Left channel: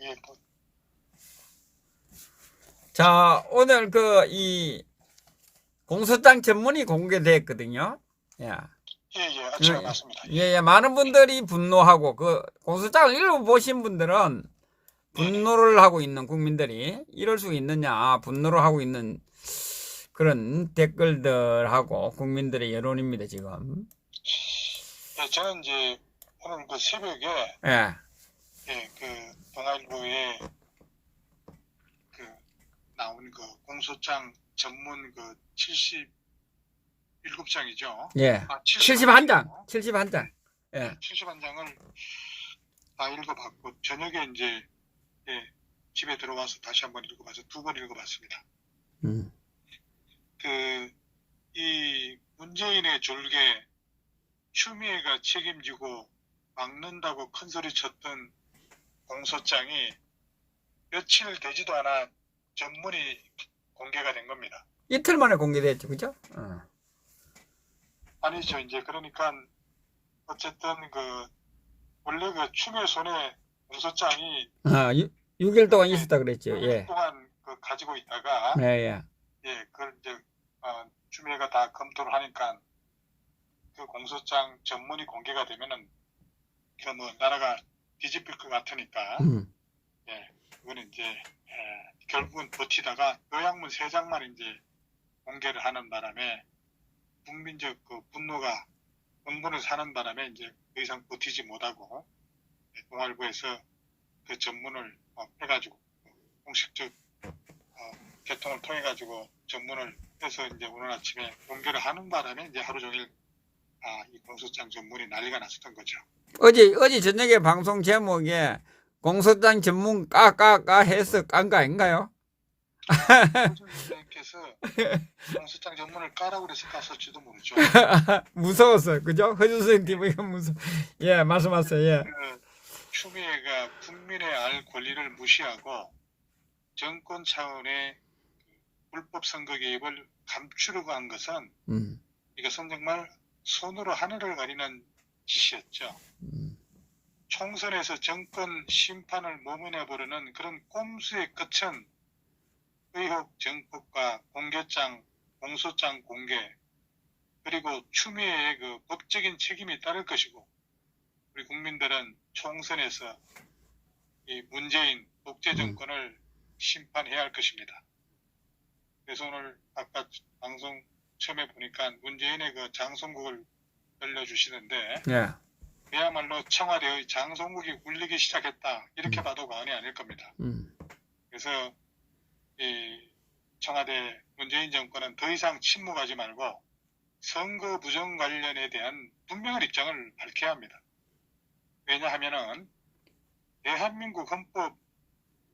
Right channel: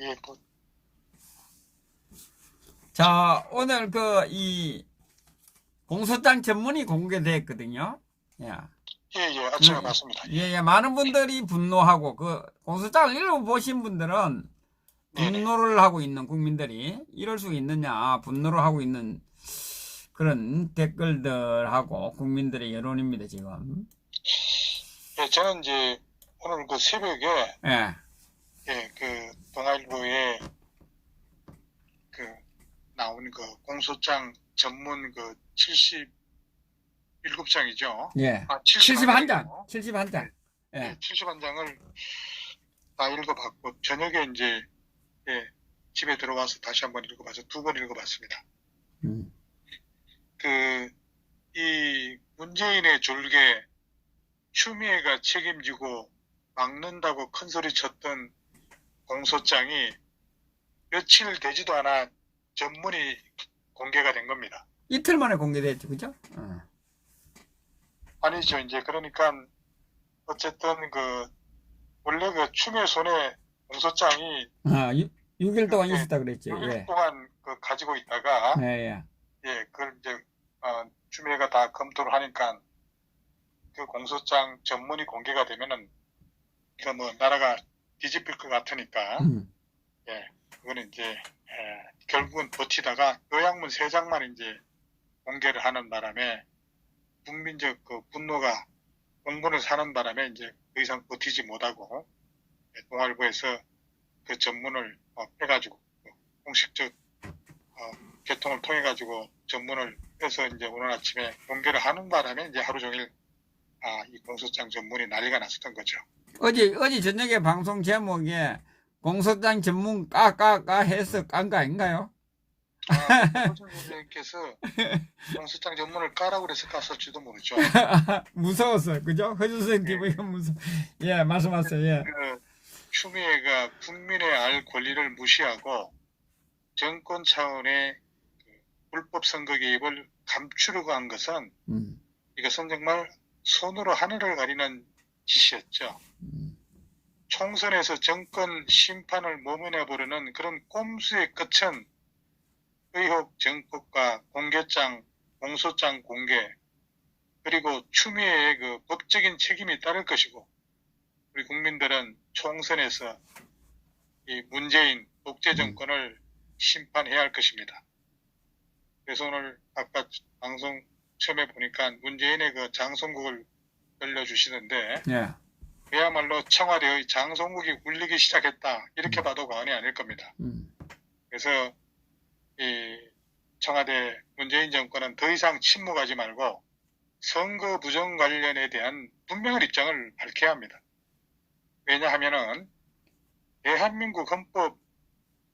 예, 뭐, 자, 오늘 이 공소장 전문이 공개됐거든요. 예. 예, 아침에 봤습니다. 예, 예, 많은 분들이 분노하고 그 공소장을 읽어보신 분들은 네네. 분노를 하고 있는 국민들이 이럴 수 있느냐 분노를 하고 있는 그런 댓글들하고 국민들의 여론입니다, 지금. 예, 저는 이제 오늘 그 새벽에, 예. 예, 그 동아일보에 그 나온 그 공소장 전문 그 77장이죠. 예. 아, 71장, 71장이죠. 71장. 예, 예. 예, 71장을 다 읽어봤고, 저녁에 이제, 예, 집에 들어와서 다시 한번 읽어봐서 2번 읽어봤습니다. 음. 이 문재인의 졸개, 추미애가 책임지고 막는다고 큰소리 쳤던 공소장이 며칠 되지도 않아 전문이 공개가 된 겁니다. 이틀 만에 공개됐죠, 그죠? 아니죠. 이제 그러니까 어쨌든 원래 그 추미애 손에 공소장이 6일 동안 예, 있었다 그랬죠. 6일 예. 동안 가지고 있다가 예, 예. 예, 그걸 이제 추미애가 다 검토를 하니까 그 공소장 전문이 공개가 되면은 그 뭐 나라가 뒤집힐 것 같으니까 음. 예, 그거는 이제 결국은 버티다가 요약문 3장만 이제 공개를 하는 바람에 국민적 그 분노가 공분을 사는 바람에 이제 더 이상 버티지 못하고 동아일보에서 그 전문을 빼가지고 공식적 개통을 통해 가지고 전문을 빼서 이제 오늘 아침에 공개를 하는 바람에 이제 하루 종일 이 공소장 전문이 난리가 났었던 거죠. 어제 저녁에 방송 제목에 공소장 전문 까까까 해서 깐 거 아닌가요? 호준 선생님께서 공소장 전문을 까라고 그래서 깠을지도 모르죠. 무서웠어, 그죠? 허준 선생 TV가 예, 말씀하세요, 예. 추미애가 국민의 알 권리를 무시하고 정권 차원의 불법 선거 개입을 감추려고 한 것은 이것은 정말 손으로 하늘을 가리는 짓이었죠. 총선에서 정권 심판을 모면해 보려는 그런 꼼수의 끝은 의혹 정법과 공개장, 공소장 공개, 그리고 추미애의 그 법적인 책임이 따를 것이고, 우리 국민들은 총선에서 이 문재인 독재 정권을 심판해야 할 것입니다. 그래서 오늘 아까 방송 처음에 보니까 문재인의 그 장송국을 들려주시는데, 예. 그야말로 청와대의 장송국이 울리기 시작했다. 이렇게 봐도 과언이 아닐 겁니다. 그래서 이 청와대 문재인 정권은 더 이상 침묵하지 말고 선거 부정 관련에 대한 분명한 입장을 밝혀야 합니다. 왜냐하면은 대한민국 헌법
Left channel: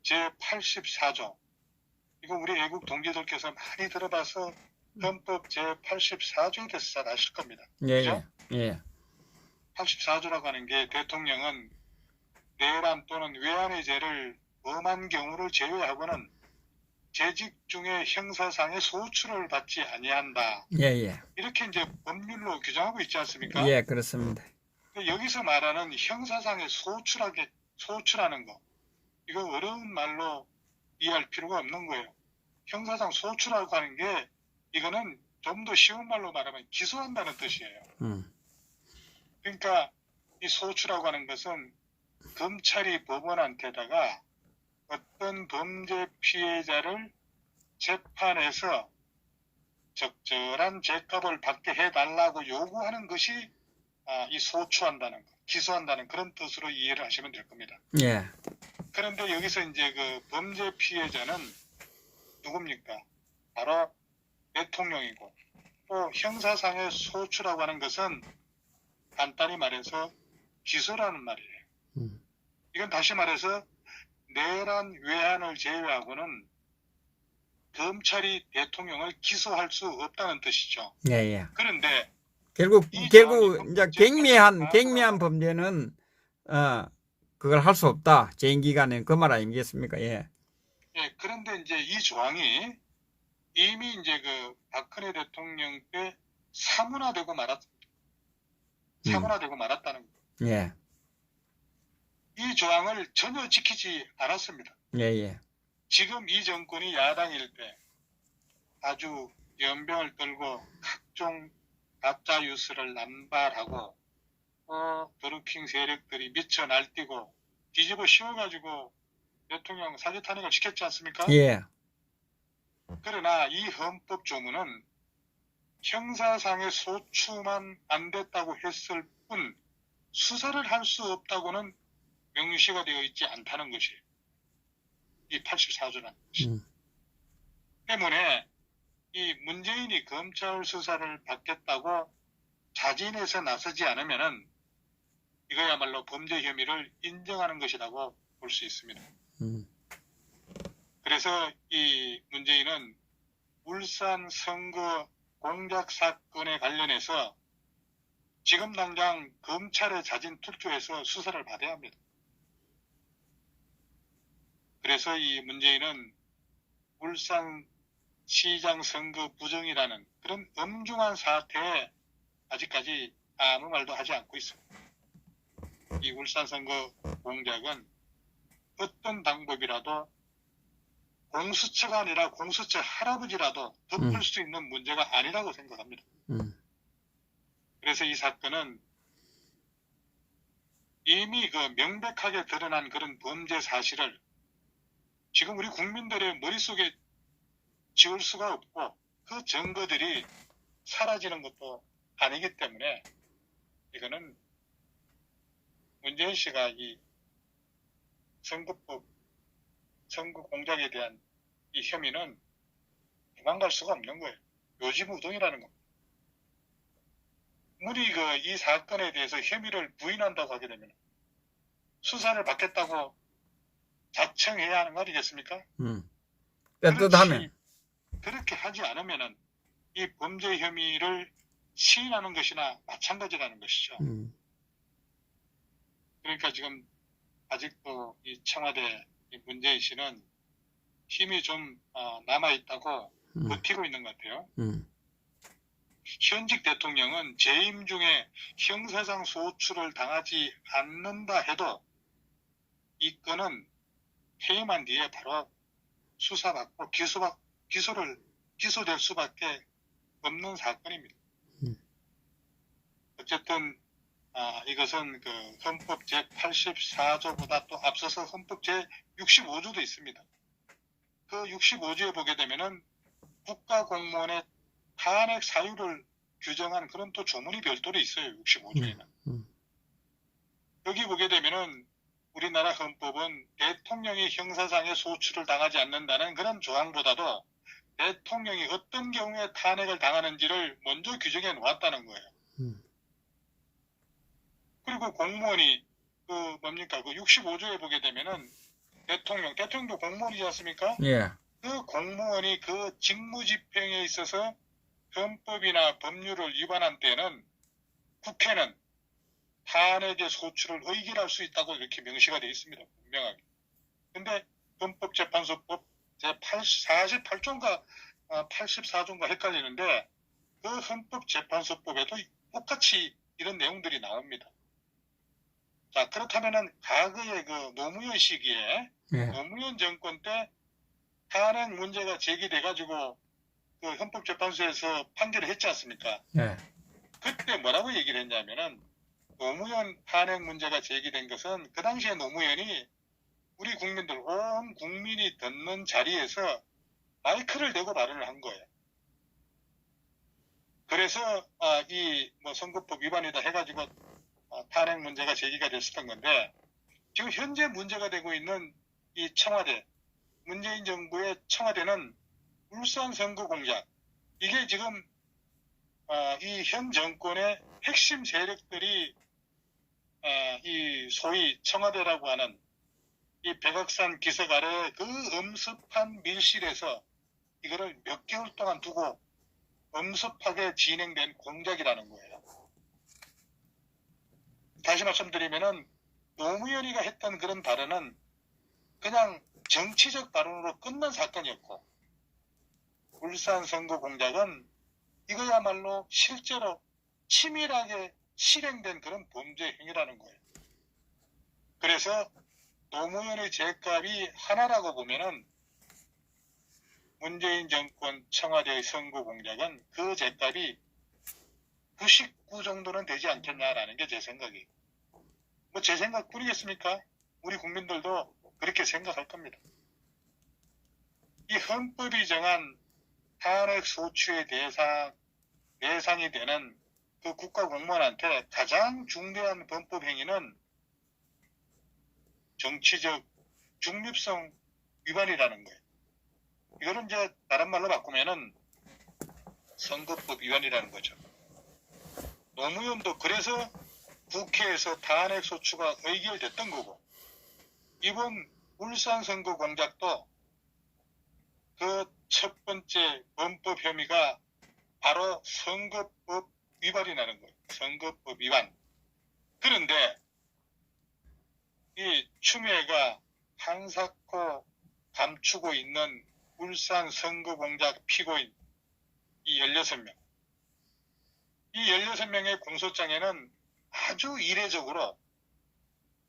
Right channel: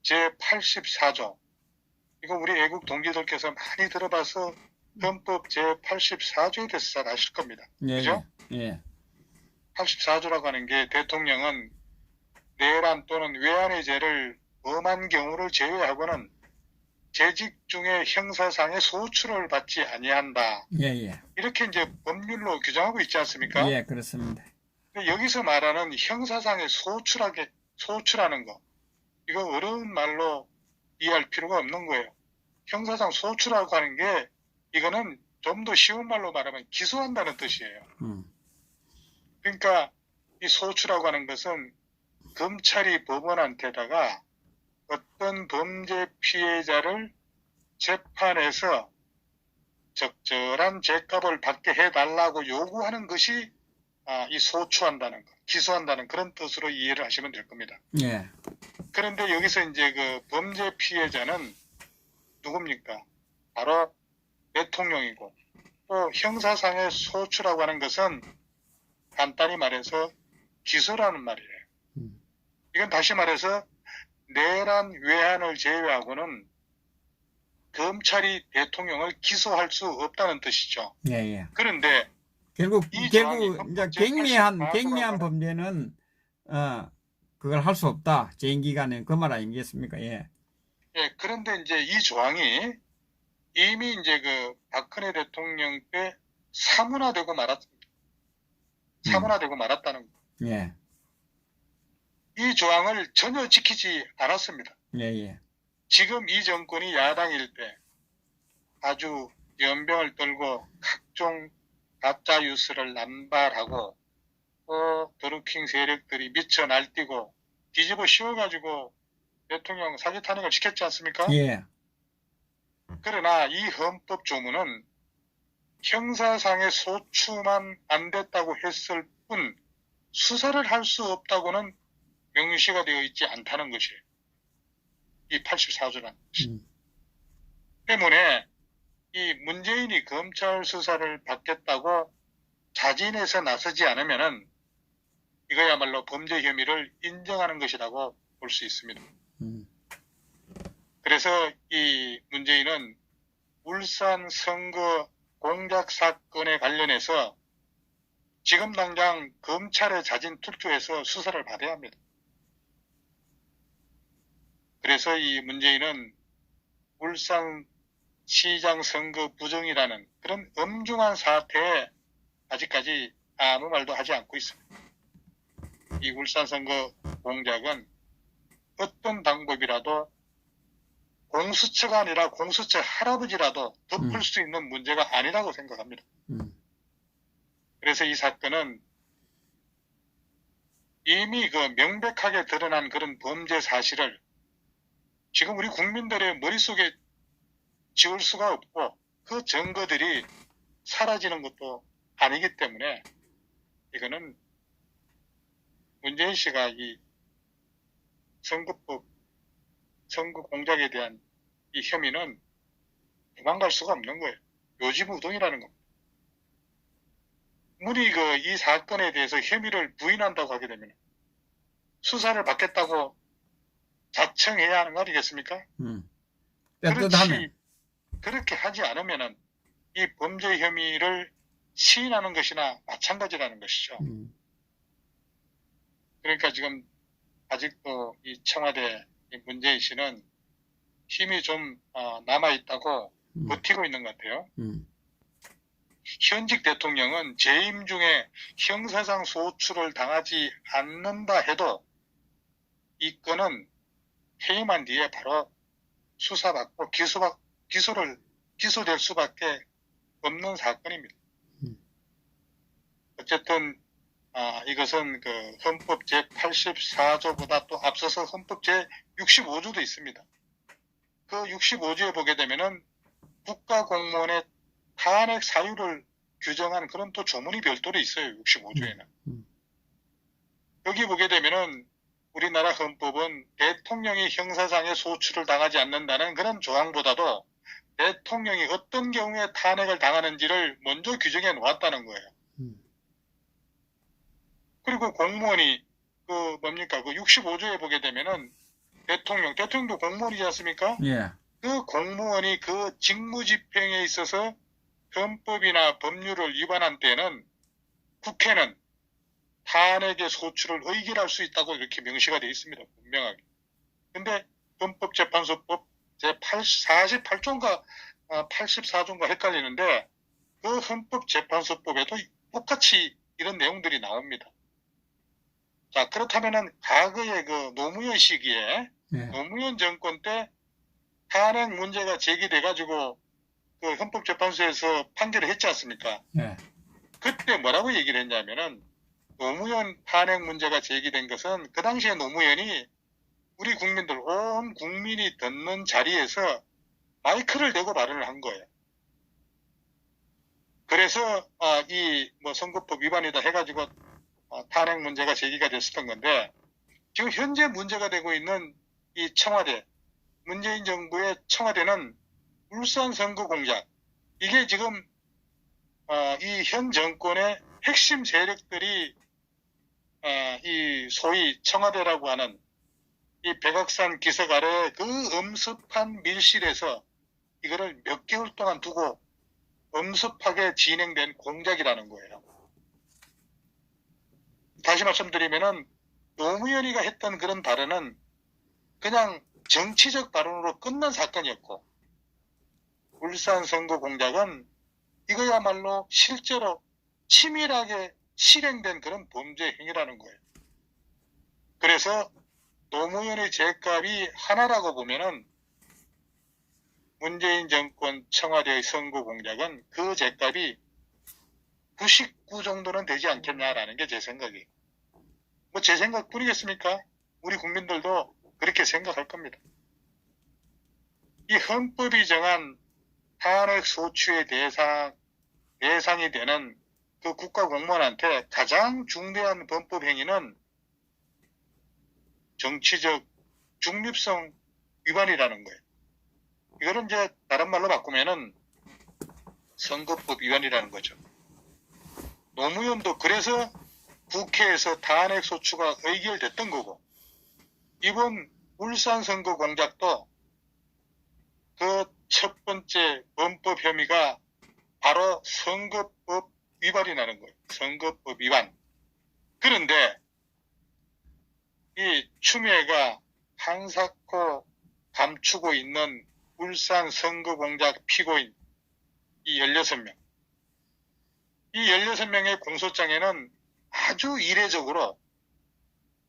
제84조, 이거 우리 애국 동지들께서 많이 들어봐서 헌법 제84조에 대해서 잘 아실 겁니다. 예, 그죠? 예. 84조라고 하는 게 대통령은 내란 또는 외환의 죄를 범한 경우를 제외하고는 재직 중에 형사상의 소출을 받지 아니한다. 예, 예. 이렇게 이제 법률로 규정하고 있지 않습니까? 예, 그렇습니다. 여기서 말하는 형사상의 소출하는 거, 이거 어려운 말로 이해할 필요가 없는 거예요. 형사상 소출하고 하는 게 이거는 좀 더 쉬운 말로 말하면 기소한다는 뜻이에요. 그러니까 이 소출하고 하는 것은 검찰이 법원한테다가 어떤 범죄 피해자를 재판에서 적절한 죄값을 받게 해달라고 요구하는 것이 이 소추한다는 것, 기소한다는 그런 뜻으로 이해를 하시면 될 겁니다. 예. 그런데 여기서 이제 그 범죄 피해자는 누굽니까? 바로 대통령이고, 또 형사상의 소추라고 하는 것은 간단히 말해서 기소라는 말이에요. 이건 다시 말해서 내란 외환을 제외하고는 검찰이 대통령을 기소할 수 없다는 뜻이죠. 예, 예. 그런데 결국 이제 갱미한 범죄는 그걸 할 수 없다. 재임 기간에 그 말 아니겠습니까? 예. 예, 그런데 이제 이 조항이 이미 이제 그 박근혜 대통령 때 사문화되고 말았다는 거예요. 예. 이 조항을 전혀 지키지 않았습니다. 예, 예. 지금 이 정권이 야당일 때 아주 연병을 떨고 각종 가짜 뉴스를 남발하고 또 드루킹 세력들이 미쳐 날뛰고 뒤집어 씌워가지고 대통령 사기 탄핵을 시켰지 않습니까? 예. 그러나 이 헌법 조문은 형사상의 소추만 안 됐다고 했을 뿐 수사를 할 수 없다고는 명시가 되어 있지 않다는 것이에요. 이 84조라는 것이. 때문에 이 문재인이 검찰 수사를 받겠다고 자진해서 나서지 않으면은 이거야말로 범죄 혐의를 인정하는 것이라고 볼 수 있습니다. 그래서 이 문재인은 울산 선거 공작 사건에 관련해서 지금 당장 검찰에 자진 투표해서 수사를 받아야 합니다. 그래서 이 문재인은 울산 시장 선거 부정이라는 그런 엄중한 사태에 아직까지 아무 말도 하지 않고 있습니다. 이 울산 선거 공작은 어떤 방법이라도 공수처가 아니라 공수처 할아버지라도 덮을 수 있는 문제가 아니라고 생각합니다. 그래서 이 사건은 이미 그 명백하게 드러난 그런 범죄 사실을 지금 우리 국민들의 머릿속에 지울 수가 없고 그 증거들이 사라지는 것도 아니기 때문에 이거는 문재인 씨가 이 선거법, 선거 공작에 대한 이 혐의는 도망갈 수가 없는 거예요. 요지부동이라는 겁니다. 문이 이 사건에 대해서 혐의를 부인한다고 하게 되면 수사를 받겠다고 자청해야 하는 거 아니겠습니까? 떳떳하네. 그렇게 하지 않으면은 이 범죄 혐의를 시인하는 것이나 마찬가지라는 것이죠. 그러니까 지금 아직도 이 청와대 문재인 씨는 힘이 좀 남아있다고 버티고 있는 것 같아요. 현직 대통령은 재임 중에 형사상 소추를 당하지 않는다 해도 이 건은 해임한 뒤에 바로 수사받고 기소될 수밖에 없는 사건입니다. 어쨌든 이것은 그 헌법 제84조보다 또 앞서서 헌법 제65조도 있습니다. 그 65조에 보게 되면은 국가공무원의 탄핵 사유를 규정한 그런 또 조문이 별도로 있어요. 65조에는. 여기 보게 되면은 우리나라 헌법은 대통령이 형사상의 소추를 당하지 않는다는 그런 조항보다도 대통령이 어떤 경우에 탄핵을 당하는지를 먼저 규정해 놓았다는 거예요. 그리고 공무원이 그 65조에 보게 되면은 대통령도 공무원이지 않습니까? 예. 그 공무원이 그 직무 집행에 있어서 헌법이나 법률을 위반한 때는 국회는 탄핵의 소추를 의결할 수 있다고 이렇게 명시가 되어 있습니다. 분명하게. 근데 헌법재판소법 제48조인가 84조인가 헷갈리는데 그 헌법재판소법에도 똑같이 이런 내용들이 나옵니다. 자, 그렇다면은 과거에 그 노무현 시기에 노무현 정권 때 탄핵 문제가 제기돼가지고 그 헌법재판소에서 판결을 했지 않습니까? 그때 뭐라고 얘기를 했냐면은 노무현 탄핵 문제가 제기된 것은 그 당시에 노무현이 우리 국민들 온 국민이 듣는 자리에서 마이크를 대고 발언을 한 거예요. 그래서 이 선거법 위반이다 해가지고 탄핵 문제가 제기가 됐었던 건데 지금 현재 문제가 되고 있는 이 청와대 문재인 정부의 청와대는 울산 선거 공작 이게 지금 이 현 정권의 핵심 세력들이 이 소위 청와대라고 하는 이 백악산 기슭 아래 그 엄습한 밀실에서 이거를 몇 개월 동안 두고 엄습하게 진행된 공작이라는 거예요. 다시 말씀드리면은 노무현이가 했던 그런 발언은 그냥 정치적 발언으로 끝난 사건이었고 울산 선거 공작은 이거야말로 실제로 치밀하게 실행된 그런 범죄 행위라는 거예요. 그래서 노무현의 죗값이 하나라고 보면은 문재인 정권 청와대의 선거 공작은 그 죗값이 99 정도는 되지 않겠냐라는 게 제 생각이에요. 뭐 제 생각뿐이겠습니까? 우리 국민들도 그렇게 생각할 겁니다. 이 헌법이 정한 탄핵 소추의 대상이 되는 그 국가 공무원한테 가장 중대한 범법 행위는 정치적 중립성 위반이라는 거예요. 이거는 이제 다른 말로 바꾸면은 선거법 위반이라는 거죠. 노무현도 그래서 국회에서 탄핵 소추가 의결됐던 거고, 이번 울산 선거 공작도 그 첫 번째 범법 혐의가 바로 선거법 위반이라는 거예요. 선거법 위반. 그런데 이 추미애가 한사코 감추고 있는 울산 선거 공작 피고인 이 16명. 이 16명의 공소장에는 아주 이례적으로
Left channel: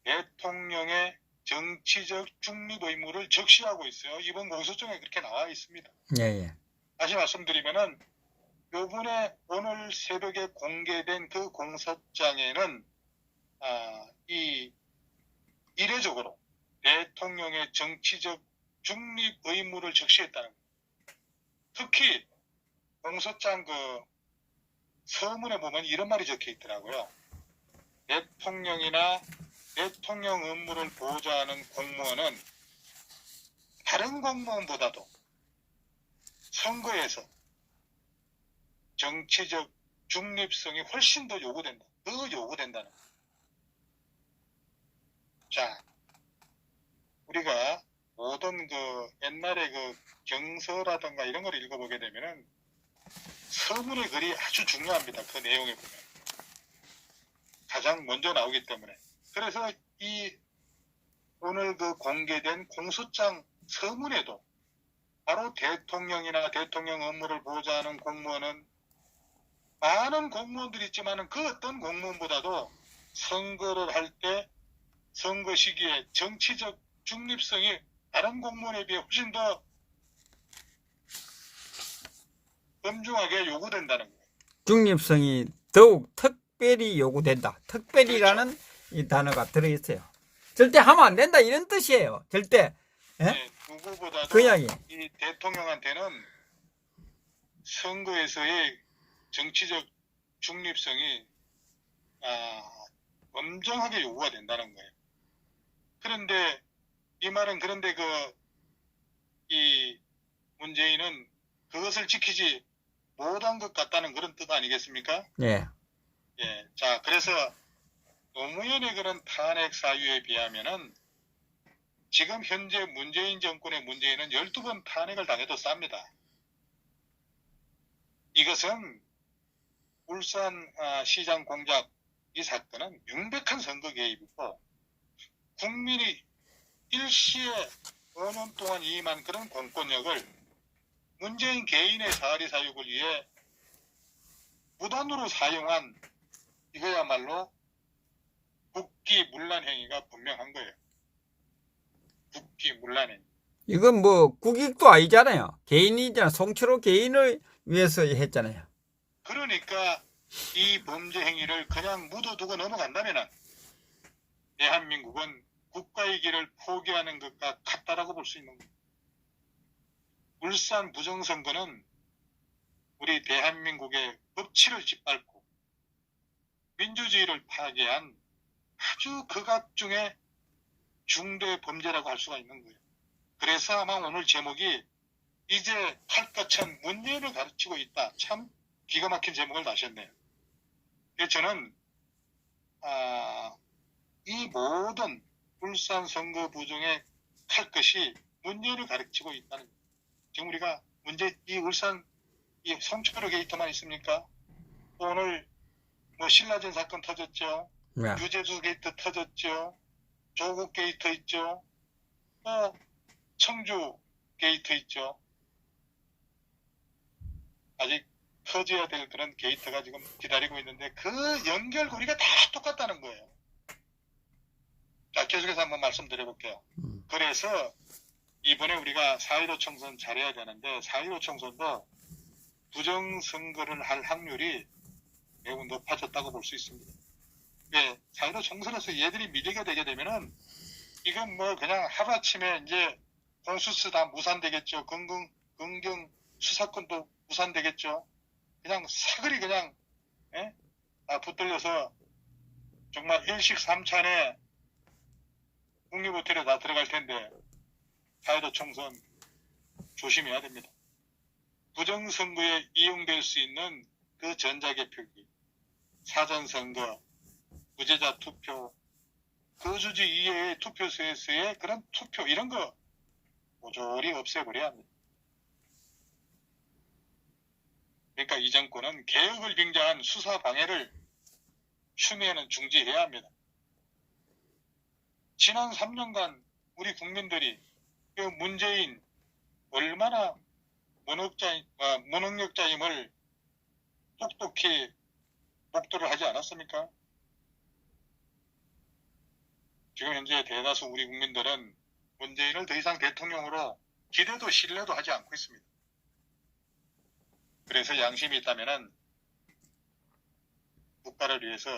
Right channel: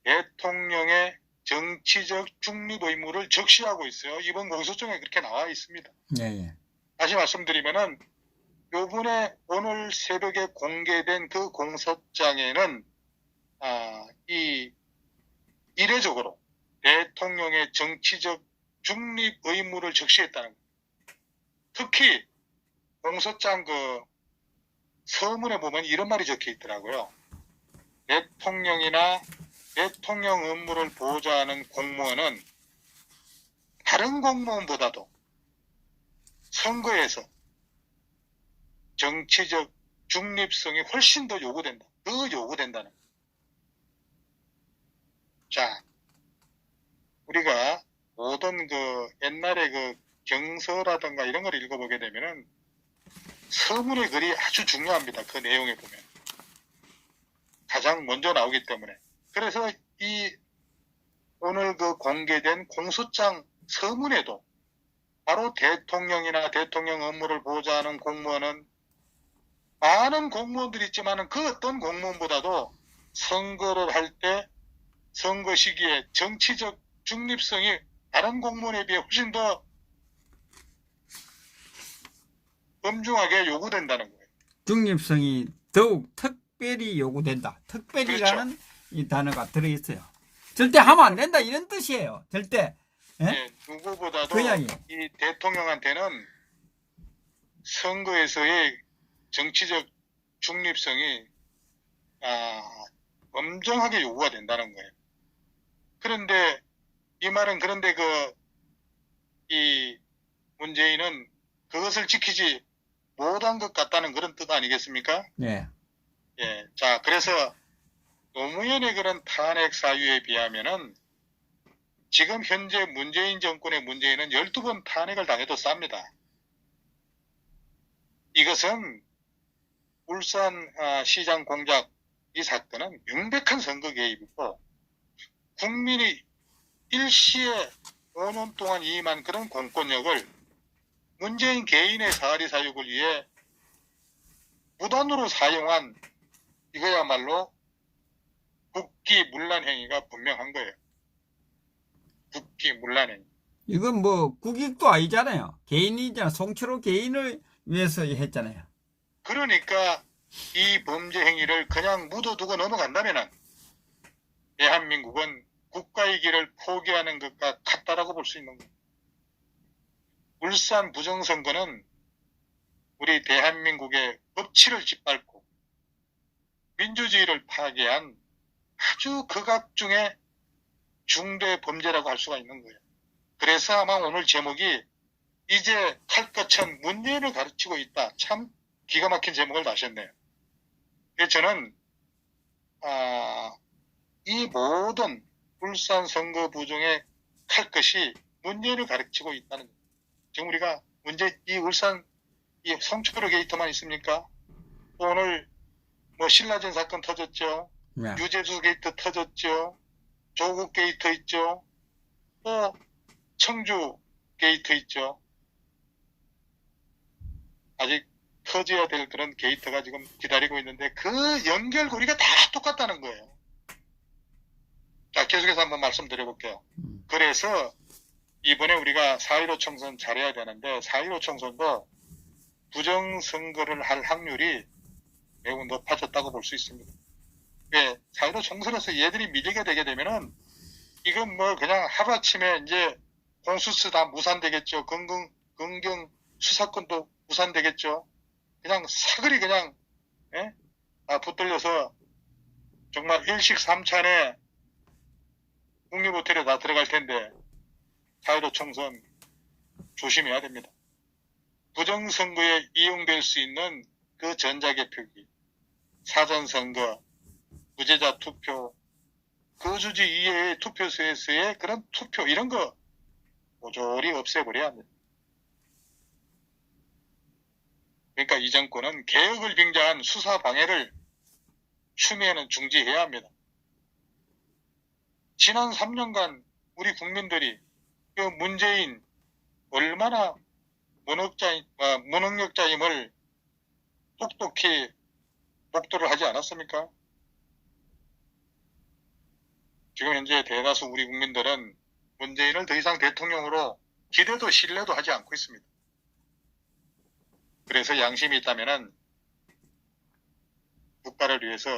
대통령의 정치적 중립 의무를 적시하고 있어요. 이번 공소장에 그렇게 나와 있습니다. 예, 예. 다시 말씀드리면은 요번에 오늘 새벽에 공개된 그 공소장에는 이 이례적으로 대통령의 정치적 중립 의무를 적시했다는 거예요. 특히 공소장 그 서문에 보면 이런 말이 적혀 있더라고요. 대통령이나 대통령 업무를 보좌하는 공무원은 다른 공무원보다도 선거에서 정치적 중립성이 훨씬 더 요구된다. 더 요구된다는 거예요. 자, 우리가 모든 그 옛날에 그 경서라든가 이런 걸 읽어보게 되면은 서문의 글이 아주 중요합니다. 그 내용에 보면. 가장 먼저 나오기 때문에. 그래서 이 오늘 그 공개된 공소장 서문에도 바로 대통령이나 대통령 업무를 보좌하는 공무원은 많은 공무원들이 있지만은 그 어떤 공무원보다도 선거를 할 때 선거 시기에 정치적 중립성이 다른 공무원에 비해 훨씬 더 엄중하게 요구된다는 거예요. 중립성이 더욱 특별히 요구된다. 특별히라는 이 단어가 들어있어요. 절대 하면 안 된다 이런 뜻이에요. 절대. 예? 네, 누구보다도 그 이야기. 이 대통령한테는 선거에서의 정치적 중립성이 엄정하게 요구가 된다는 거예요. 그런데 이 말은 그런데 이 문재인은 그것을 지키지 못한 것 같다는 그런 뜻 아니겠습니까? 예. 예. 자, 그래서 노무현의 그런 탄핵 사유에 비하면은 지금 현재 문재인 정권의 문재인은 12번 탄핵을 당해도 쌉니다. 이것은 울산 시장 공작 이 사건은 명백한 선거 개입이고 국민이 일시에 5년 동안 이임한 그런 공권력을 문재인 개인의 사리 사욕을 위해 무단으로 사용한 이거야말로 국기문란 행위가 분명한 거예요. 국기문란 행위. 이건 뭐 국익도 아니잖아요. 개인이잖아. 송철호 개인을 위해서 했잖아요. 그러니까 이 범죄 행위를 그냥 묻어두고 넘어간다면은 대한민국은 국가의 길을 포기하는 것과 같다라고 볼 수 있는 거예요. 울산 부정선거는 우리 대한민국의 법치를 짓밟고 민주주의를 파괴한 아주 극악 중의 중대 범죄라고 할 수가 있는 거예요. 그래서 아마 오늘 제목이 이제 칼끝은 문재인을 가르치고 있다. 참 기가 막힌 제목을 다셨네요. 그래서 저는 이 모든 울산 선거 부정의 칼끝이 문재인을 가르치고 있다는 거예요. 지금 우리가 이 울산 이 송철호 게이트만 있습니까? 또 오늘 뭐 신라젠 사건 터졌죠. 네. 유재수 게이트 터졌죠. 조국 게이트 있죠. 또 청주 게이트 있죠. 아직 터져야 될 그런 게이트가 지금 기다리고 있는데 그 연결고리가 다 똑같다는 거예요. 자, 계속해서 한번 말씀드려볼게요. 그래서 이번에 우리가 4.15 총선 잘해야 되는데 4.15 총선도 부정선거를 할 확률이 매우 높아졌다고 볼 수 있습니다. 왜? 4.15 총선에서 얘들이 밀리게 되게 되면은 이건 뭐 그냥 하루아침에 이제 공수처 다 무산되겠죠. 검경 수사권도 무산되겠죠. 그냥 사거리 그냥 예? 붙들려서 정말 일식삼찬에 국립호텔에 다 들어갈 텐데 4.15 총선 조심해야 됩니다. 부정선거에 이용될 수 있는 그 전자개표기, 사전선거, 무죄자 투표, 거주지 이외의 투표소에서의 그런 투표 이런 거 모조리 없애버려야 합니다. 그러니까 이 정권은 개혁을 빙자한 수사 방해를 추미애는 중지해야 합니다. 지난 3년간 우리 국민들이 그 문재인 얼마나 무능력자임을 똑똑히 목도를 하지 않았습니까? 지금 현재 대다수 우리 국민들은 문재인을 더 이상 대통령으로 기대도 신뢰도 하지 않고 있습니다. 그래서 양심이 있다면은 국가를 위해서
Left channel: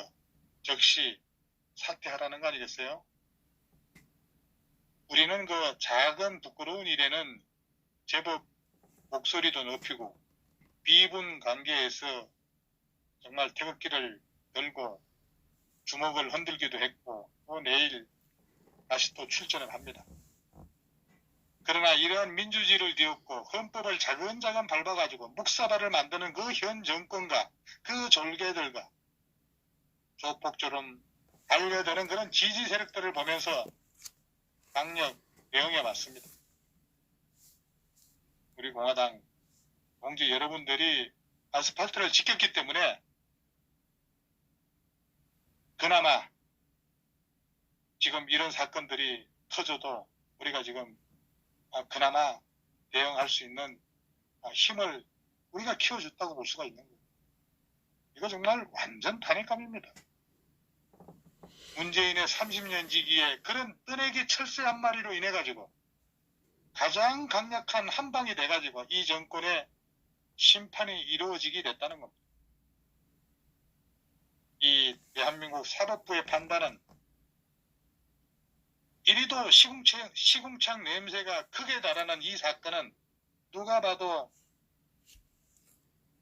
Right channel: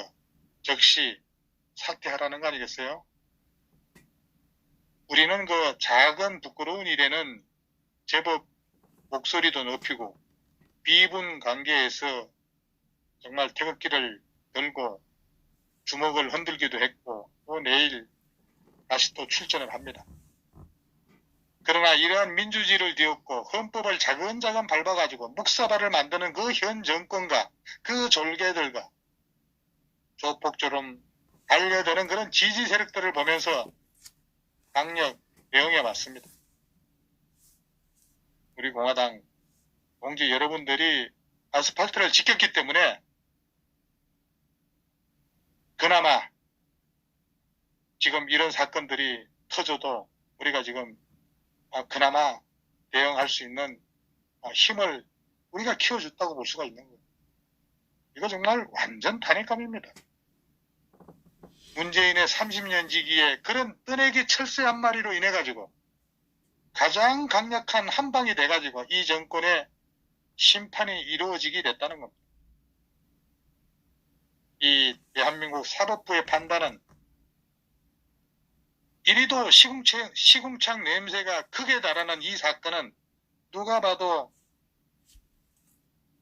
즉시 사퇴하라는 거 아니겠어요? 우리는 그 작은 부끄러운 일에는 제법 목소리도 높이고 비분 관계에서 정말 태극기를 들고 주먹을 흔들기도 했고 또 내일 다시 또 출전을 합니다. 그러나 이러한 민주주의를 뒤엎고 헌법을 자근자근 밟아가지고 묵사발을 만드는 그 현 정권과 그 졸개들과 조폭처럼 달려드는 그런 지지 세력들을 보면서 강력 대응해 왔습니다. 우리 공화당 동지 여러분들이 아스팔트를 지켰기 때문에 그나마 지금 이런 사건들이 터져도 우리가 지금 그나마 대응할 수 있는 힘을 우리가 키워줬다고 볼 수가 있는 거예요. 이거 정말 완전 탄핵감입니다. 문재인의 30년 지기에 그런 뜨내기 철새 한 마리로 인해 가지고 가장 강력한 한방이 돼 가지고 이 정권의 심판이 이루어지게 됐다는 겁니다. 이 대한민국 사법부의 판단은 이리도 시궁창 냄새가 크게 달하는 이 사건은 누가 봐도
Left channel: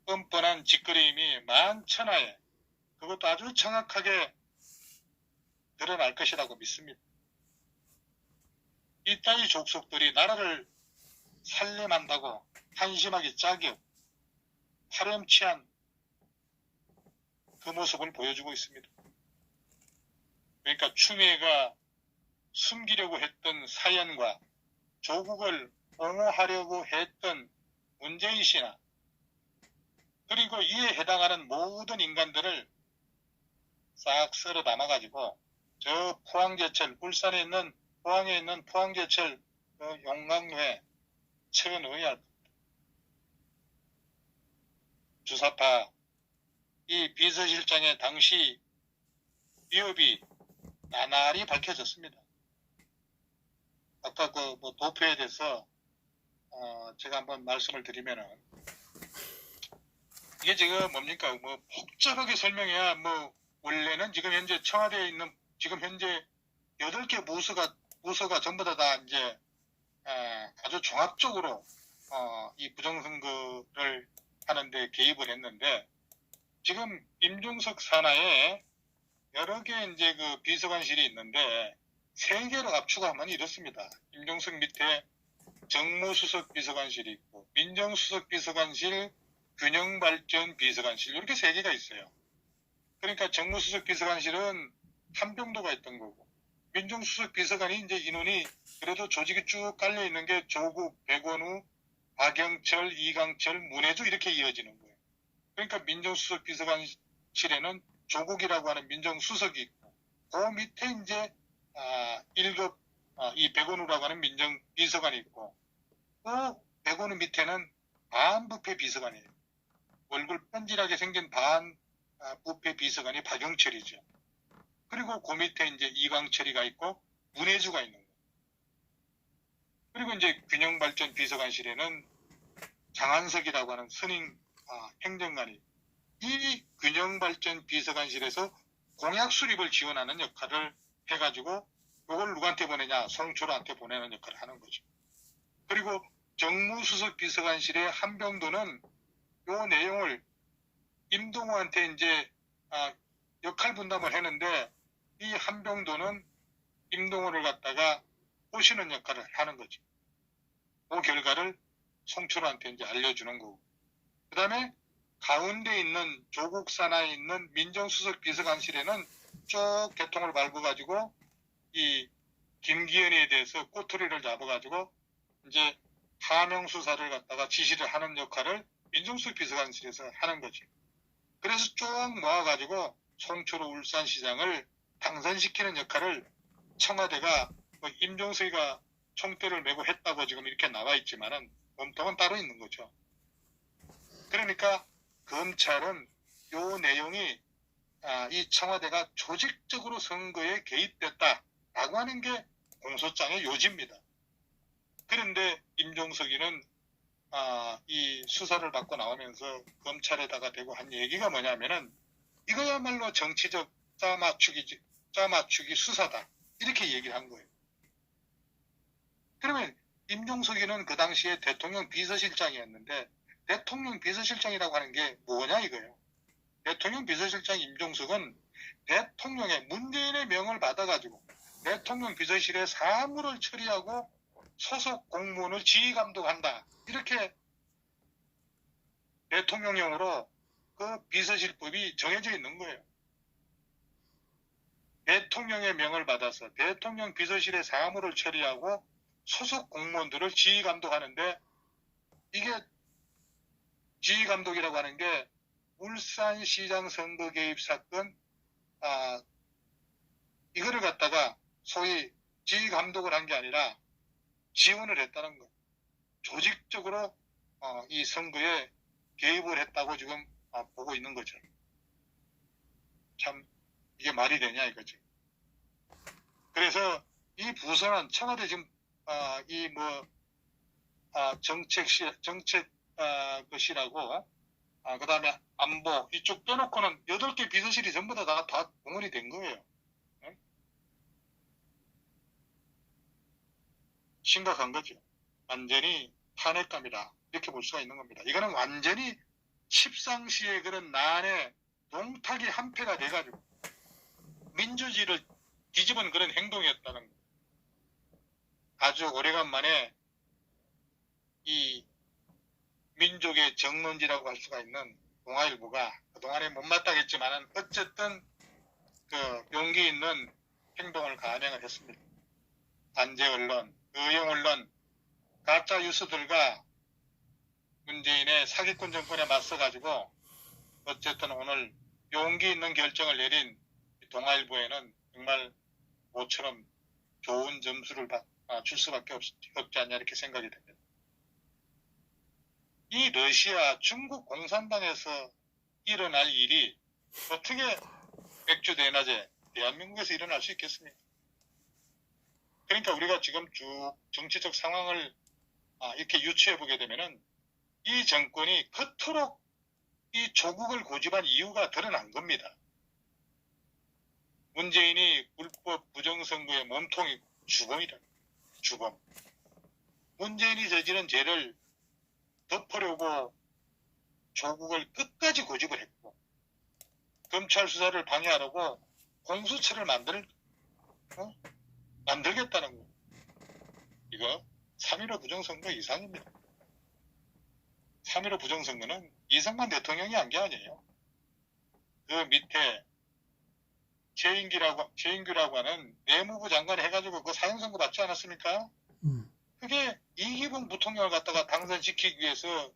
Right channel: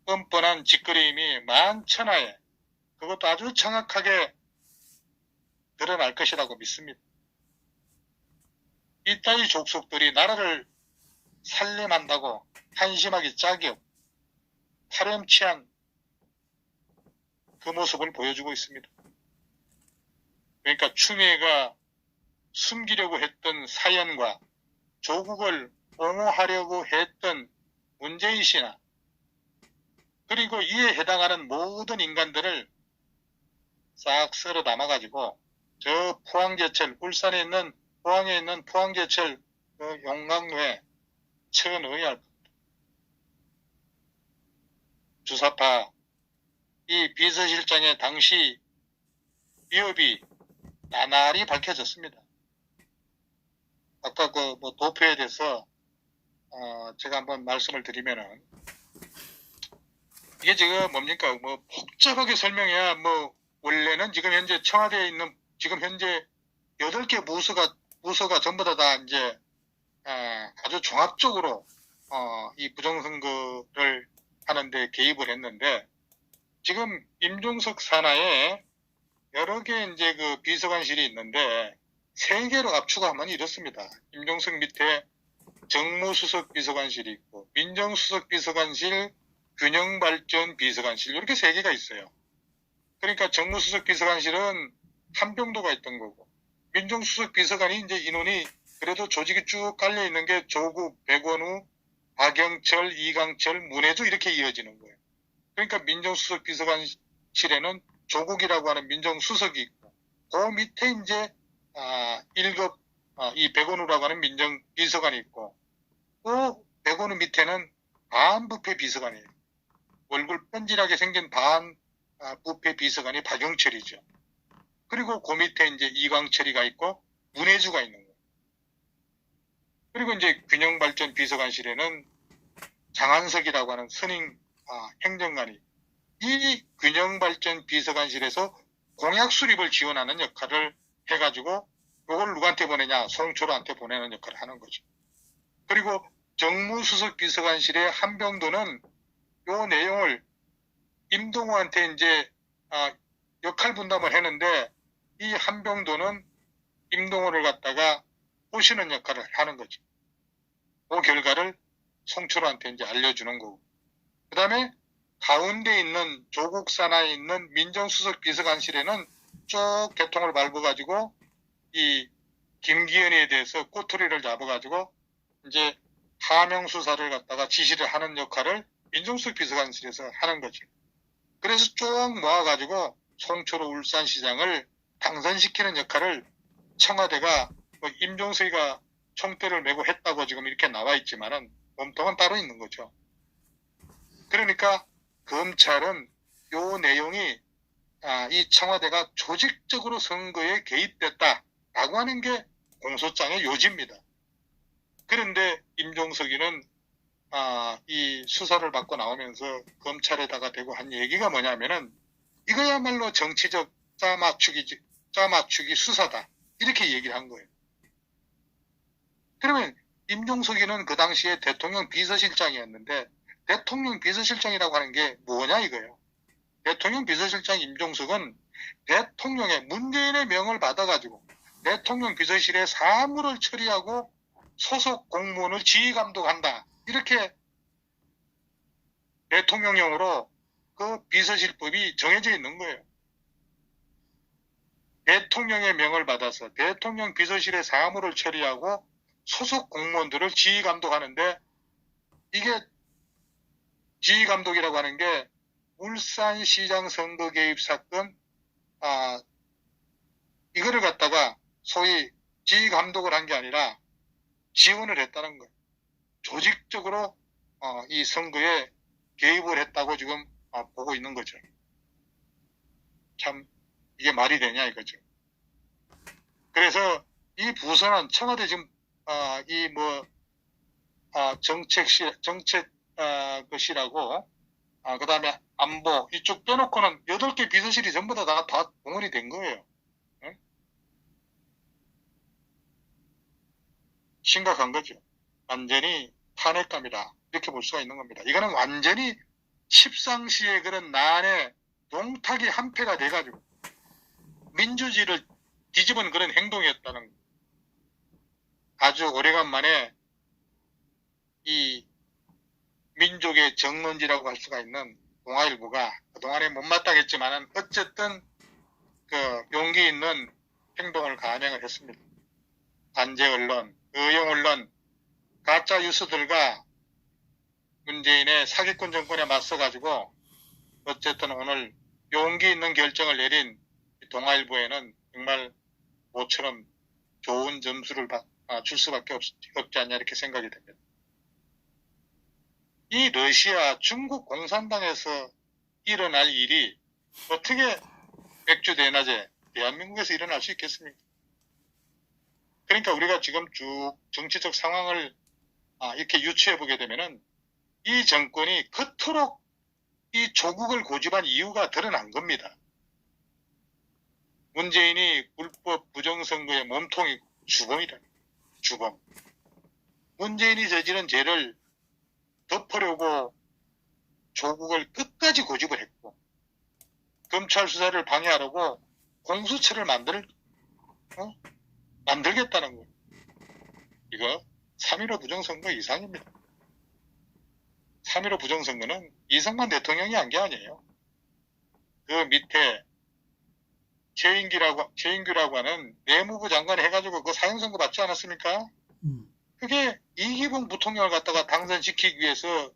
뻔뻔한 짓거림이 만천하에 그것도 아주 정확하게 드러날 것이라고 믿습니다. 이따위 족속들이 나라를 살림한다고 한심하기 짝이 없고 파렴치한 그 모습을 보여주고 있습니다. 그러니까 추미애가 숨기려고 했던 사연과 조국을 옹호하려고 했던 문재인 씨나 그리고 이에 해당하는 모든 인간들을 싹 썰어 담아가지고 저 포항제철, 울산에 있는 포항에 있는 포항제철 그 용광로에 쳐넣어야 할 겁니다. 주사파 이 비서실장의 당시 위협이 나날이 밝혀졌습니다. 아까 그 뭐 도표에 대해서 제가 한번 말씀을 드리면은 이게 지금 뭡니까 뭐 복잡하게 설명해야 뭐 원래는 지금 현재 청와대에 있는 지금 현재 8개 부서가 전부 다 이제 아주 종합적으로 이 부정선거를 하는데 개입을 했는데 지금 임종석 산하에 여러 개 이제 그 비서관실이 있는데 3개로 압축하면 이렇습니다. 임종석 밑에 정무수석 비서관실이 있고 민정수석 비서관실, 균형발전 비서관실 이렇게 3개가 있어요. 그러니까 정무수석 비서관실은 한병도가 있던 거고 민정수석 비서관이 이제 인원이 그래도 조직이 쭉 깔려 있는 게 조국, 백원우, 박영철, 이강철, 문혜주 이렇게 이어지는 거예요. 그러니까 민정수석 비서관실에는 조국이라고 하는 민정수석이 있고 그 밑에 이제 1급 이 백원우라고 하는 민정비서관이 있고 또 백원우 밑에는 반부패 비서관이에요. 얼굴 뺀질하게 생긴 반부패 비서관이 박영철이죠. 그리고 그 밑에 이제 이광철이가 있고 문해주가 있는 거예요. 그리고 이제 균형발전 비서관실에는 장한석이라고 하는 선임 행정관이 이 균형발전 비서관실에서 공약 수립을 지원하는 역할을 해가지고 이걸 누구한테 보내냐? 송초로한테 보내는 역할을 하는 거죠. 그리고 정무수석 비서관실의 한병도는 요 내용을 임동호한테 이제 역할 분담을 했는데 이 한병도는 임동호를 갖다가 꼬시는 역할을 하는 거죠. 그 결과를 송초로한테 이제 알려주는 거고. 그 다음에 가운데 있는 조국 산하에 있는 민정수석 비서관실에는 쭉 개통을 밟아가지고 이 김기현에 대해서 꼬투리를 잡아가지고 이제 하명 수사를 갖다가 지시를 하는 역할을 민정수석 비서관실에서 하는 거죠. 그래서 쭉 모아가지고 송초로 울산시장을 당선시키는 역할을 청와대가 임종석이가 총대를 메고 했다고 지금 이렇게 나와 있지만은 몸통은 따로 있는 거죠. 그러니까 검찰은 요 내용이 이 청와대가 조직적으로 선거에 개입됐다라고 하는 게 공소장의 요지입니다. 그런데 임종석이는 이 수사를 받고 나오면서 검찰에다가 대고 한 얘기가 뭐냐면은 이거야말로 정치적 짜맞추기 수사다 이렇게 얘기를 한 거예요. 그러면 임종석이는 그 당시에 대통령 비서실장이었는데 대통령 비서실장이라고 하는 게 뭐냐 이거예요. 대통령 비서실장 임종석은 대통령의 문재인의 명을 받아가지고 대통령 비서실에 사무를 처리하고 소속 공무원을 지휘감독한다. 이렇게 대통령령으로 그 비서실법이 정해져 있는 거예요. 대통령의 명을 받아서 대통령 비서실에 사무를 처리하고 소속 공무원들을 지휘감독하는데 이게 지휘감독이라고 하는 게 울산시장 선거 개입 사건 이거를 갖다가 소위 지휘감독을 한 게 아니라 지원을 했다는 거예요. 조직적으로 이 선거에 개입을 했다고 지금 보고 있는 거죠. 참 이게 말이 되냐 이거죠. 그래서 이 부서는 청와대 지금 정책실하고 그 다음에 안보 이쪽 빼놓고는 8개 비서실이 전부 다 동원이 된 거예요. 응? 심각한 거죠. 완전히 탄핵감이다. 이렇게 볼 수가 있는 겁니다. 이거는 완전히 십상시의 그런 난에 농탁이 한패가 돼가지고 민주주의를 뒤집은 그런 행동이었다는 거예요. 아주 오래간만에 이 민족의 정론지라고 할 수가 있는 동아일보가 그동안에 못마땅했지만은 어쨌든 그 용기 있는 행동을 감행을 했습니다. 단체 언론, 의용 언론, 가짜 뉴스들과 문재인의 사기꾼 정권에 맞서가지고 어쨌든 오늘 용기 있는 결정을 내린 동아일보에는 정말 모처럼 좋은 점수를 줄 수밖에 없지 않냐 이렇게 생각이 됩니다. 이 러시아, 중국 공산당에서 일어날 일이 어떻게 맥주 대낮에 대한민국에서 일어날 수 있겠습니까? 그러니까 우리가 지금 쭉 정치적 상황을 이렇게 유추해 보게 되면은 이 정권이 그토록 이 조국을 고집한 이유가 드러난 겁니다. 문재인이 불법 부정선거의 몸통이고 주범이다. 주범. 문재인이 저지른 죄를 덮으려고 조국을 끝까지 고집을 했고 검찰 수사를 방해하려고 공수처를 만들겠다는 거예요. 이거 3.15 부정선거 이상입니다. 3.15 부정선거는 이승만 대통령이 한 게 아니에요. 그 밑에 최인규라고 하는 내무부 장관 해가지고 그 사형선고 받지 않았습니까? 그게 이기붕 부통령을 갖다가 당선시키기 위해서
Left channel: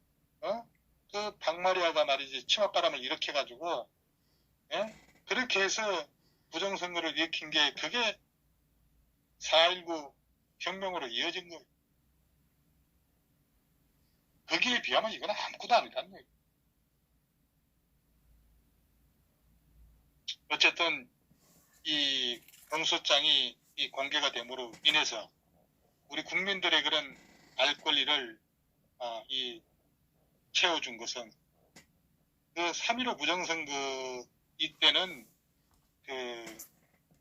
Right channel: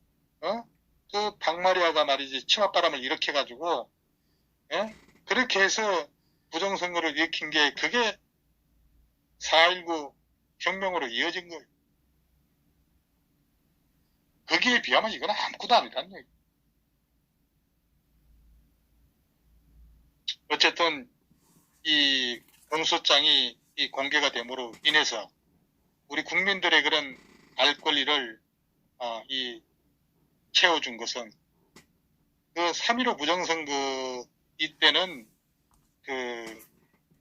그 박마리아가 말이지 치맛바람을 일으켜가지고 그렇게 해서 부정선거를 일으킨 게 그게 4.19 혁명으로 이어진 거예요. 거기에 비하면 이건 아무것도 아니다는 얘기. 어쨌든 이 공소장이 이 공개가 됨으로 인해서 우리 국민들의 그런 알 권리를 이 채워준 것은 그 3.15 부정선거 이때는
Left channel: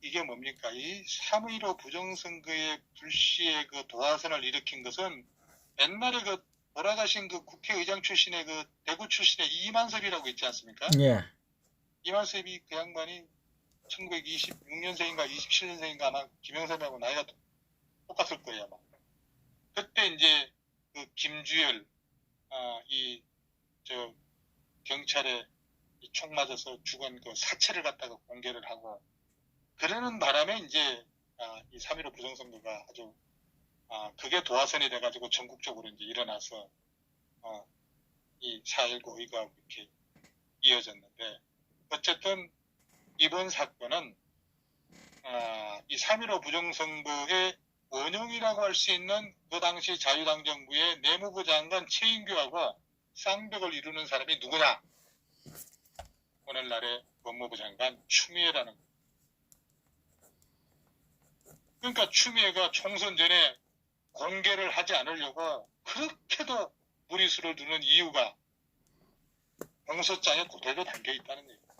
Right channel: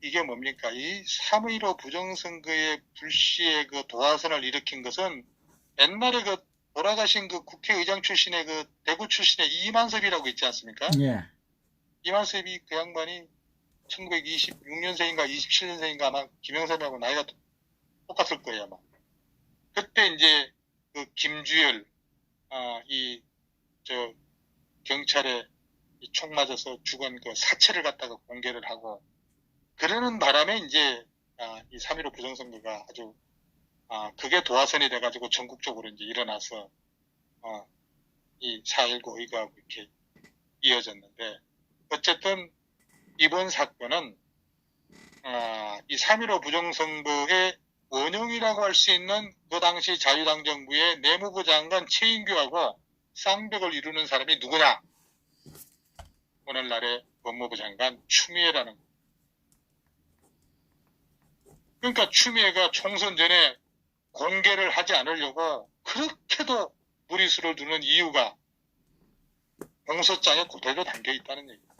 이게 뭡니까? 이 3.15 부정선거의 불시에 그 도화선을 일으킨 것은 옛날에 그 돌아가신 그 국회의장 출신의 그 대구 출신의 이만섭이라고 있지 않습니까? 예. 이만섭이 그 양반이 1926년생인가 27년생인가 아마 김영삼하고 나이가 똑같을 거예요 아마. 그때 이제 그 김주열 경찰에 총 맞아서 죽은 그 사체를 갖다가 공개를 하고 그러는 바람에 이제 이 3.15 부정선거가 아주 그게 도화선이 돼가지고 전국적으로 이제 일어나서 이 4.19 의거하고 이렇게 이어졌는데 어쨌든 이번 사건은 이 3.15 부정선거의 원흉이라고 할 수 있는 그 당시 자유당 정부의 내무부 장관 최인규하고 쌍벽을 이루는 사람이 누구냐? 오늘날의 법무부 장관 추미애라는. 그러니까 추미애가 총선 전에 공개를 하지 않으려고 그렇게도 무리수를 두는 이유가 공소장에 그대로 담겨 있다는 얘기입니다.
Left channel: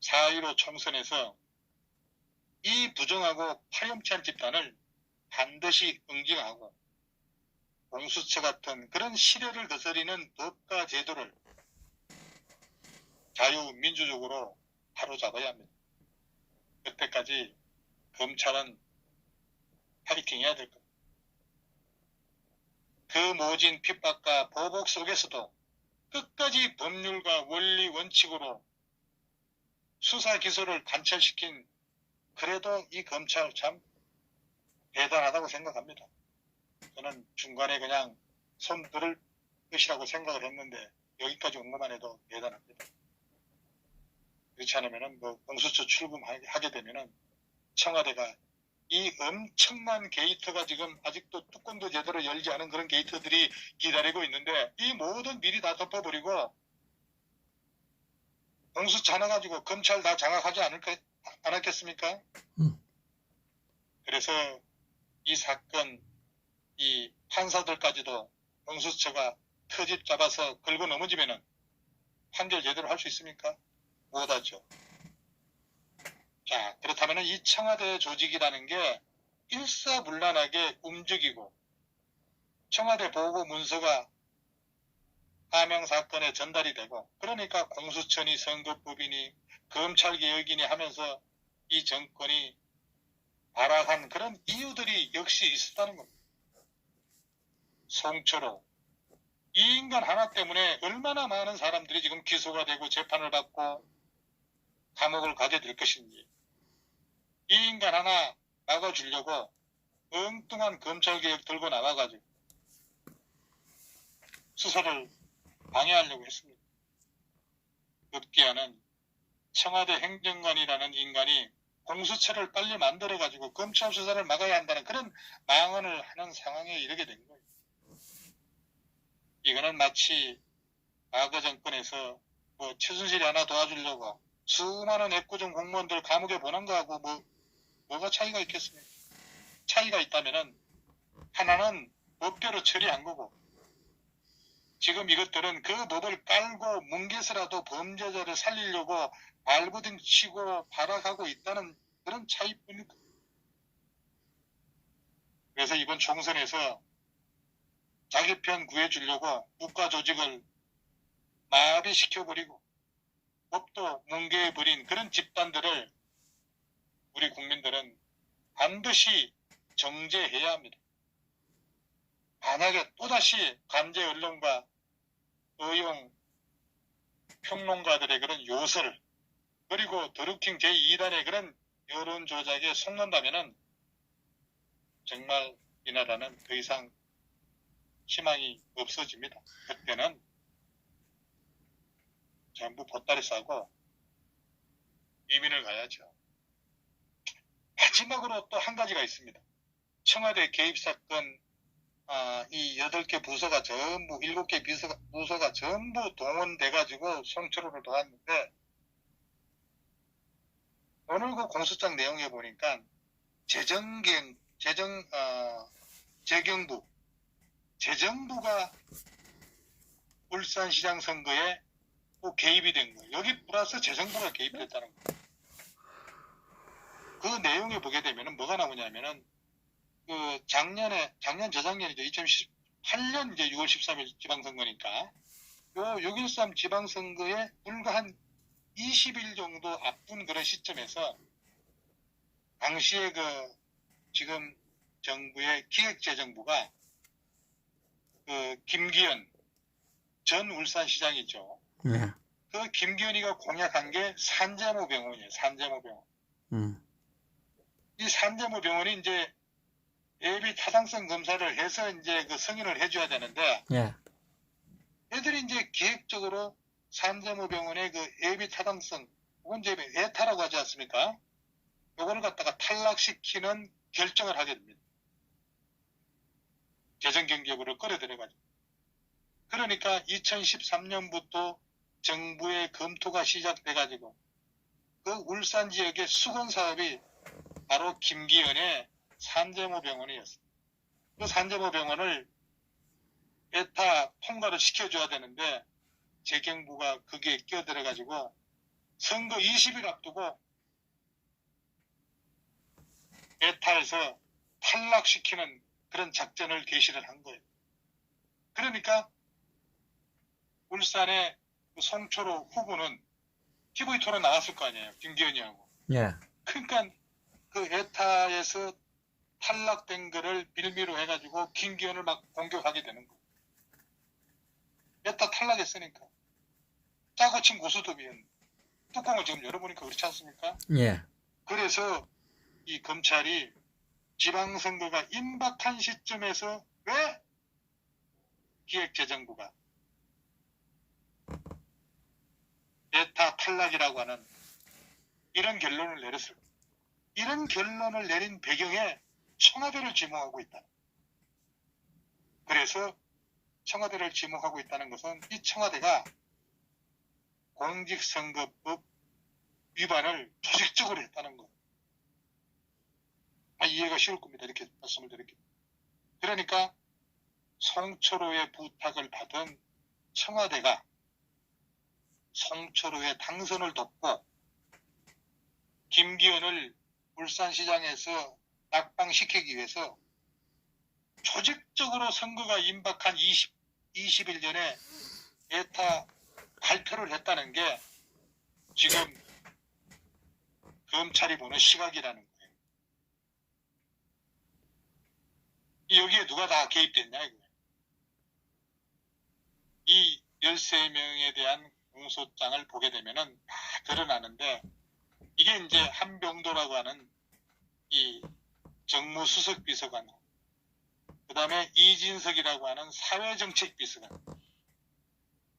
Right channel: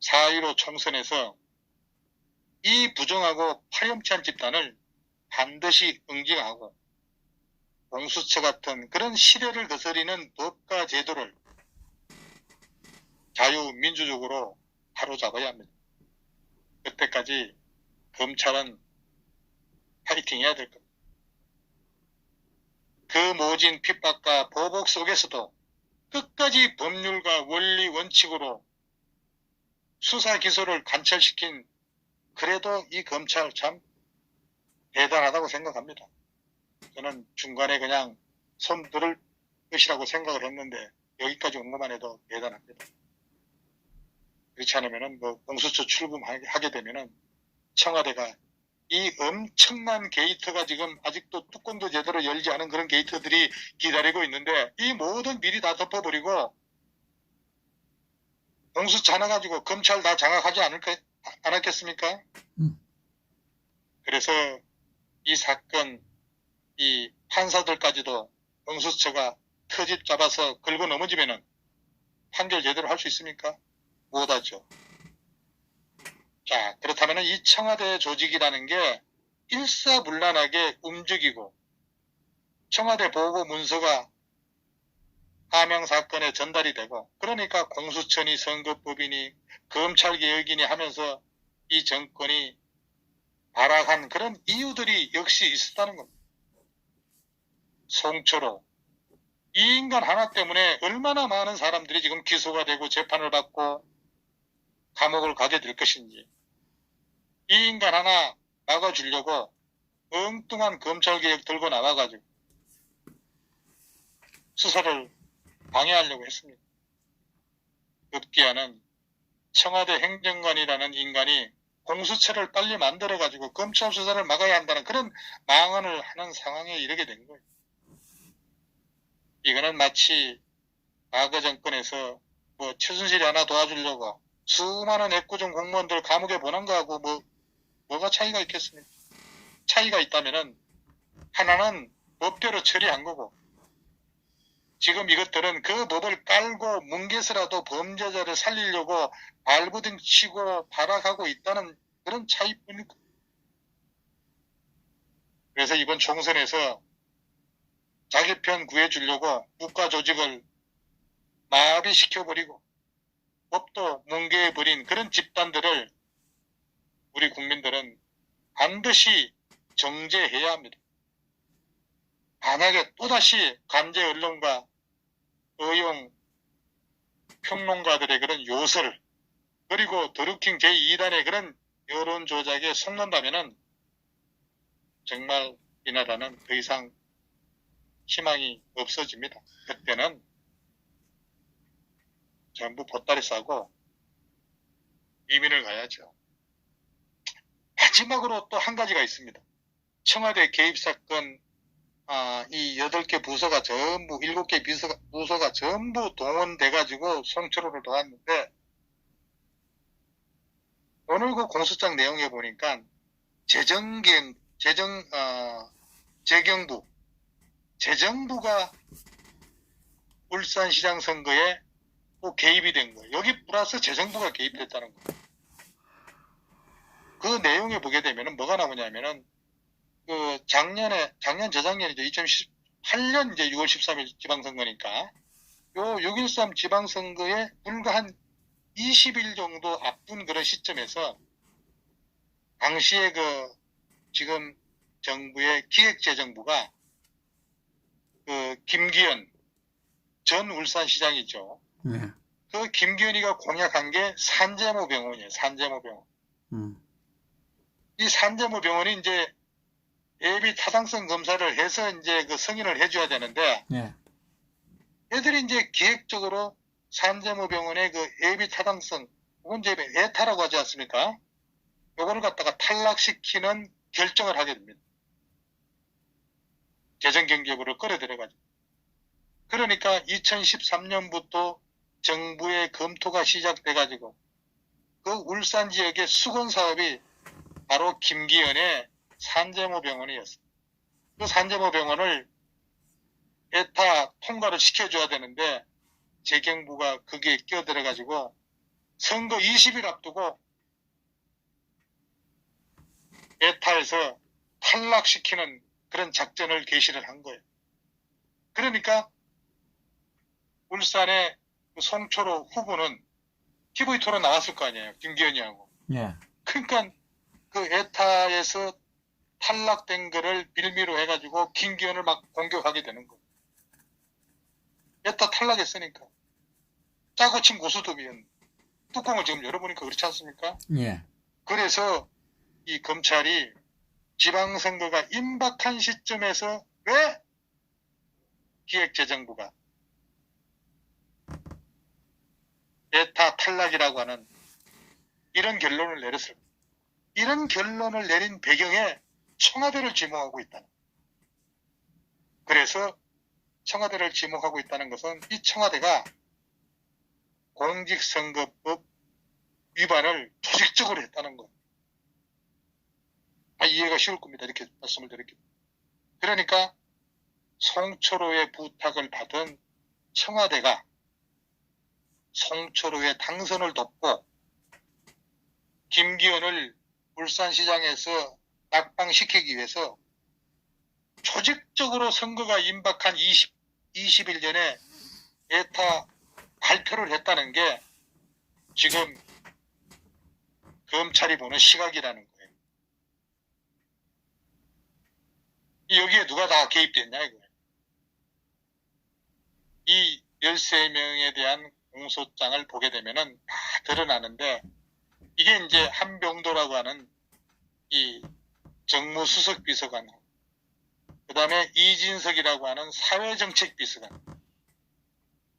4.15 총선에서 이 부정하고 파렴치한 집단을 반드시 응징하고 공수처 같은 그런 시대를 거스리는 법과 제도를 자유민주적으로 바로잡아야 합니다. 그때까지 검찰은 파이팅 해야 될 겁니다. 그 모진 핍박과 보복 속에서도 끝까지 법률과 원리 원칙으로 수사 기소를 관철시킨 그래도 이 검찰 참 대단하다고 생각합니다. 저는 중간에 그냥 손 들을 것이라고 생각을 했는데 여기까지 온 것만 해도 대단합니다. 그렇지 않으면은 뭐 공수처 출범하게 되면은 청와대가 이 엄청난 게이트가 지금 아직도 뚜껑도 제대로 열지 않은 그런 게이트들이 기다리고 있는데 이 모든 미리 다 덮어버리고 공수처 하나 가지고 검찰 다 장악하지 않았겠습니까? 그래서 이 사건, 이 판사들까지도 공수처가 터집 잡아서 긁어 넘어지면은 판결 제대로 할 수 있습니까? 못하죠. 자, 그렇다면 이 청와대 조직이라는 게 일사불란하게 움직이고 청와대 보고 문서가 하명 사건에 전달이 되고 그러니까 공수처니 선거법이니 검찰개혁이니 하면서 이 정권이 발악한 그런 이유들이 역시 있었다는 겁니다. 송철호 이 인간 하나 때문에 얼마나 많은 사람들이 지금 기소가 되고 재판을 받고 감옥을 가게 될 것인지 이 인간 하나 막아주려고 엉뚱한 검찰개혁 들고 나와가지고 수사를 방해하려고 했습니다. 급기야는 청와대 행정관이라는 인간이 공수처를 빨리 만들어가지고 검찰 수사를 막아야 한다는 그런 망언을 하는 상황에 이르게 된 거예요. 이거는 마치 과거 정권에서 뭐 최순실이 하나 도와주려고 수많은 애꿎은 공무원들 감옥에 보낸 거하고 뭐가 차이가 있겠습니까? 차이가 있다면은 하나는 법대로 처리한 거고 지금 이것들은 그 법을 깔고 뭉개서라도 범죄자를 살리려고 발부둥 치고 발악하고 있다는 그런 차이뿐입니다. 그래서 이번 총선에서 자기 편 구해주려고 국가 조직을 마비시켜버리고 법도 뭉개버린 그런 집단들을 우리 국민들은 반드시 정죄해야 합니다. 만약에 또다시 간제 언론과 의용 평론가들의 그런 요설 그리고 드루킹 제2단의 그런 여론 조작에 속는다면은 정말 이 나라는 더 이상 희망이 없어집니다. 그때는 전부 보따리 싸고 이민을 가야죠. 마지막으로 또 한 가지가 있습니다. 청와대 개입 사건 이 8개 부서가 전부 7개 부서가 전부 동원돼가지고 송철호를 도왔는데 오늘 그 공소장 내용에 보니까 재정부가 울산시장 선거에 또 개입이 된 거예요. 여기 플러스 재정부가 개입됐다는 거예요. 그 내용에 보게 되면은 뭐가 나오냐면은 그 재작년이죠. 2018년 이제 6월 13일 지방선거니까 요 6.13 지방선거에 불과 한 20일 정도 앞둔 그런 시점에서 당시에 그 지금 정부의 기획재정부가 그 김기현 전 울산시장이죠. 예. 그 김기현이가 공약한 게 산재모 병원이에요. 산재모 병원. 이 산재모 병원이 이제 예비 타당성 검사를 해서 이제 그 승인을 해줘야 되는데 예. 애들이 이제 기획적으로 산재모 병원의 그 예비 타당성, 혹은 이제 예타라고 하지 않습니까? 요거를 갖다가 탈락시키는 결정을 하게 됩니다. 재정경제부를 끌어들여가지고. 그러니까 2013년부터 정부의 검토가 시작돼가지고 그 울산 지역의 수건 사업이 바로 김기현의 산재모 병원이었어요. 그 산재모 병원을 에타 통과를 시켜줘야 되는데 재경부가 거기에 끼어들어가지고 선거 20일 앞두고 에타에서 탈락시키는 그런 작전을 개시를 한 거예요. 그러니까 울산의 그 송초로 후보는 TV 토론 나왔을 거 아니에요. 김기현이하고. 예. 그러니까 그 에타에서 탈락된 거를 빌미로 해가지고 김기현을 막 공격하게 되는 거예요. 에타 탈락했으니까. 짜고 친 고수톱이었는데 뚜껑을 지금 열어보니까 그렇지 않습니까? 예. 그래서 이 검찰이 지방선거가 임박한 시점에서 왜 기획재정부가 에타 탈락이라고 하는 이런 결론을 내렸을까? 이런 결론을 내린 배경에 청와대를 지목하고 있다. 그래서 청와대를 지목하고 있다는 것은 이 청와대가 공직선거법 위반을 조직적으로 했다는 것. 이해가 쉬울 겁니다. 이렇게 말씀을 드릴게요. 그러니까 송철호의 부탁을 받은 청와대가 송철호의 당선을 돕고 김기현을 울산시장에서 낙방시키기 위해서 조직적으로 선거가 임박한 20일 전에 에타 발표를 했다는 게 지금 검찰이 보는 시각이라는 거예요. 여기에 누가 다 개입됐냐 이거예요. 이 13명에 대한 공소장을 보게 되면은 다 드러나는데 이게 이제 한병도라고 하는 이 정무수석 비서관, 그 다음에 이진석이라고 하는 사회정책비서관,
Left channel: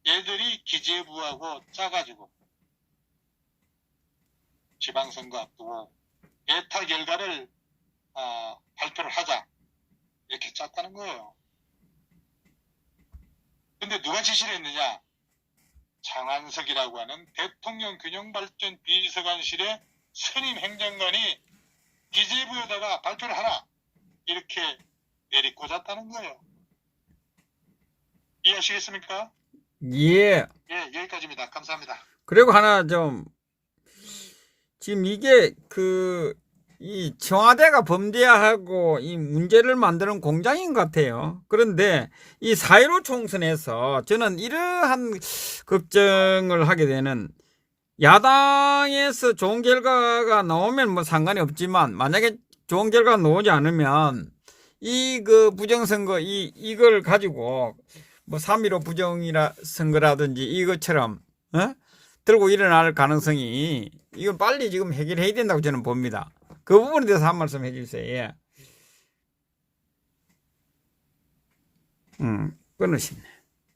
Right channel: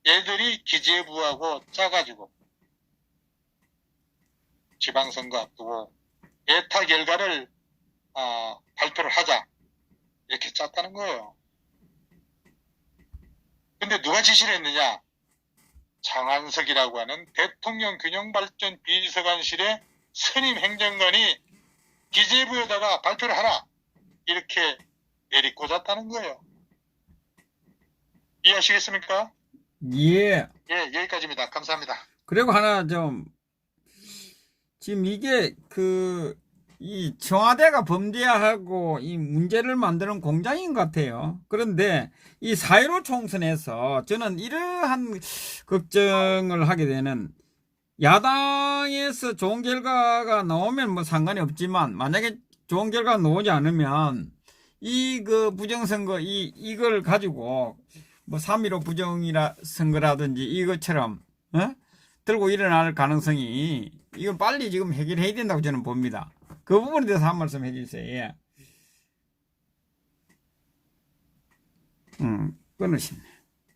얘들이 기재부하고 짜가지고 지방선거 앞두고 에타 결과를 발표를 하자 이렇게 짰다는 거예요. 근데 누가 지시를 했느냐? 장한석이라고 하는 대통령 균형발전 비서관실의 선임 행정관이 기재부에다가 발표를 하라 이렇게 내리꽂았다는 거예요. 이해하시겠습니까? 예. 예, 여기까지입니다. 감사합니다. 그리고 하나 좀, 지금 이게 이 청와대가 범죄하고 이 문제를 만드는 공장인 것 같아요. 그런데 이 4.15 총선에서 저는 이러한 걱정을 하게 되는, 야당에서 좋은 결과가 나오면 뭐 상관이 없지만 만약에 좋은 결과가 나오지 않으면 부정선거 이걸 가지고 뭐 3.15 부정선거라든지 이것처럼 들고 일어날 가능성이, 이걸 빨리 지금 해결해야 된다고 저는 봅니다. 그 부분에 대해서 한 말씀 해주세요. 예. 끊으시네.